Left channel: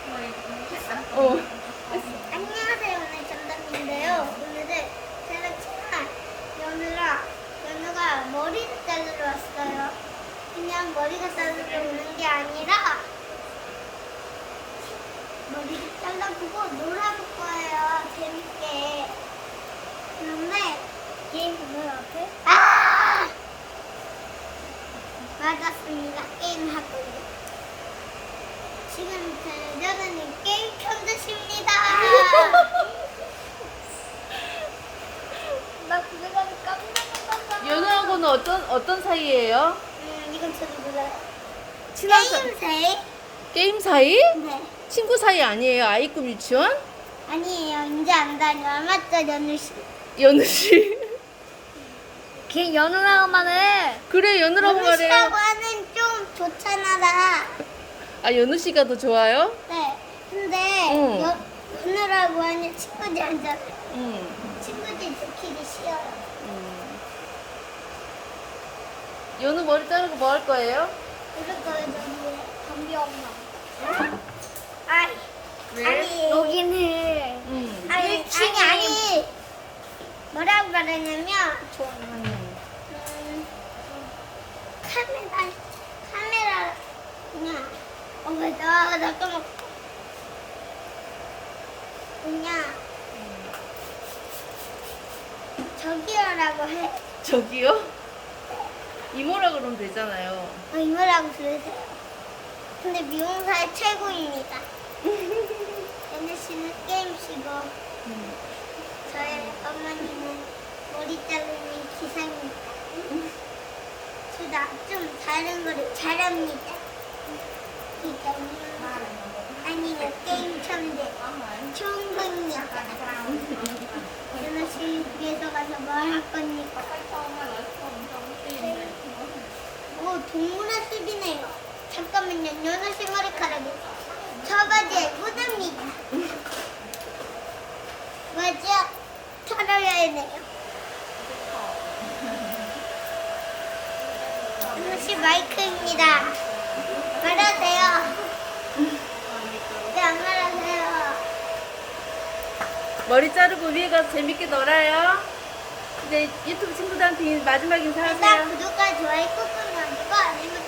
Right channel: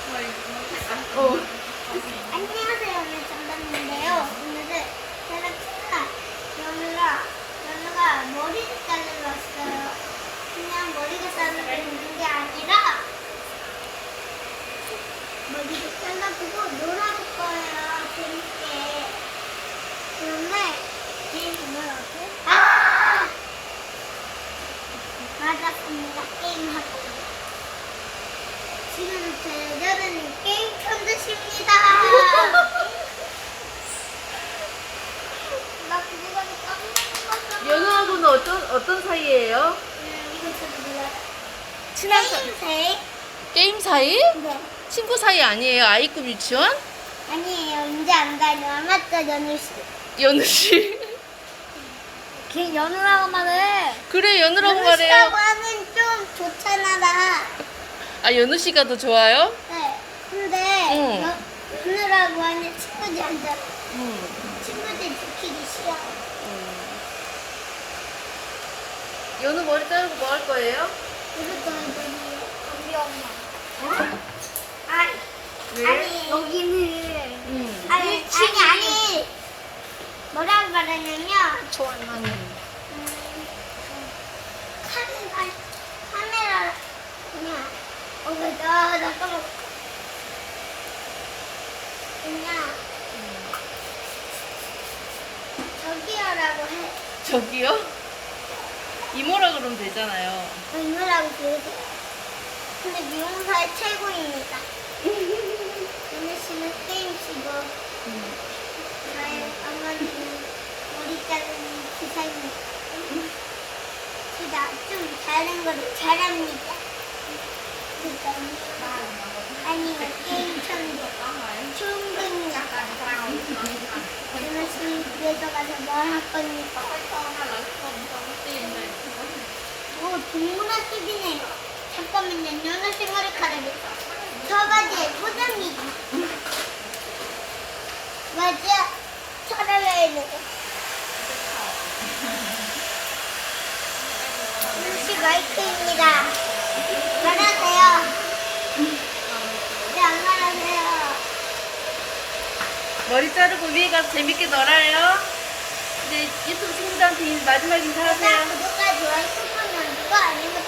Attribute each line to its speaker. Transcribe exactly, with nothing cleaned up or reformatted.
Speaker 1: 어.
Speaker 2: 안녕하세요. 오늘 정답인데요. 오늘은 제가 친한 연우가 연우가 머리를 자르러 왔어요. 그냥 머리가 자르러 오는 게 아니라 머리를 잘라주고 놀아줄 거예요. 재밌게. 그런데 게임 뭐라고? 아! 맞았습니다. 게임하고. 지금 여자는 게임 편드십니다. 나 그거 가지고 깜짝 놀랐어.
Speaker 1: 연우하고는 어떤 어떤 사이예요?
Speaker 2: 음, 이건 저도 몰라요.
Speaker 1: 친한 사-
Speaker 2: 게임 세?
Speaker 1: 게임 사이?
Speaker 2: 네.
Speaker 1: 친구 사이 아니에요? 아이급 유치원?
Speaker 2: 아니에요. 이제 안 다녀. 안 맞죠, 연우 씨?
Speaker 1: 연우 씨.
Speaker 2: 걔 연우라고만 해.
Speaker 1: 그래 연우라고
Speaker 2: 연우 씨라고
Speaker 1: 말해요.
Speaker 2: 하면 좀 좋잖아, 나.
Speaker 1: 아 연우 씨가 더 좋아요?
Speaker 2: 네. 근데
Speaker 1: 응.
Speaker 2: 연- 연우라고 하면 친구들 안 돼.
Speaker 1: 응.
Speaker 2: 친구들 지키기 싫어요.
Speaker 1: 음. 연우 머리 자르고 뭐 할 거예요?
Speaker 2: 이럴 거예요, 연우. 엄마. 아,
Speaker 1: 왜?
Speaker 2: 아니 여기는
Speaker 1: 응.
Speaker 2: 아니 아니 아니 뭐라고 말하냐면
Speaker 1: 좋아하는.
Speaker 2: 음, 카메라 카메라 그냥 어나 나 까먹 그냥 저기요라고 해.
Speaker 1: 저기요? 이모라 그러면 되잖아요.
Speaker 2: 이거라고 그러세요. 근데 미용사의 최고입니다. 연우 씨는 게임치고 저의 어머니는 머리 자르는 기사입니다. 제가 좀 다른 거를 잘합니다. 그러니까요. 아니면 게임 천재. 좋은 겁니다. 연우 씨 집에서 가서 뭘 할 겁니까? 오, 동물원 팁이네요. 잠깐만요. 연우 씨 머리카락이 저 바지에 포장이 맞아. 잘라야 돼. 연우 씨 마이크입니다. 말하세요. 네, 안 말하세요.
Speaker 1: 머리 자르고 위에 가서 재밌게 놀아요. 이제 유튜브 친구들한테 마지막
Speaker 2: 일단
Speaker 1: 인사하세요.
Speaker 2: 구독과 좋아요 꾹 눌러주고 알림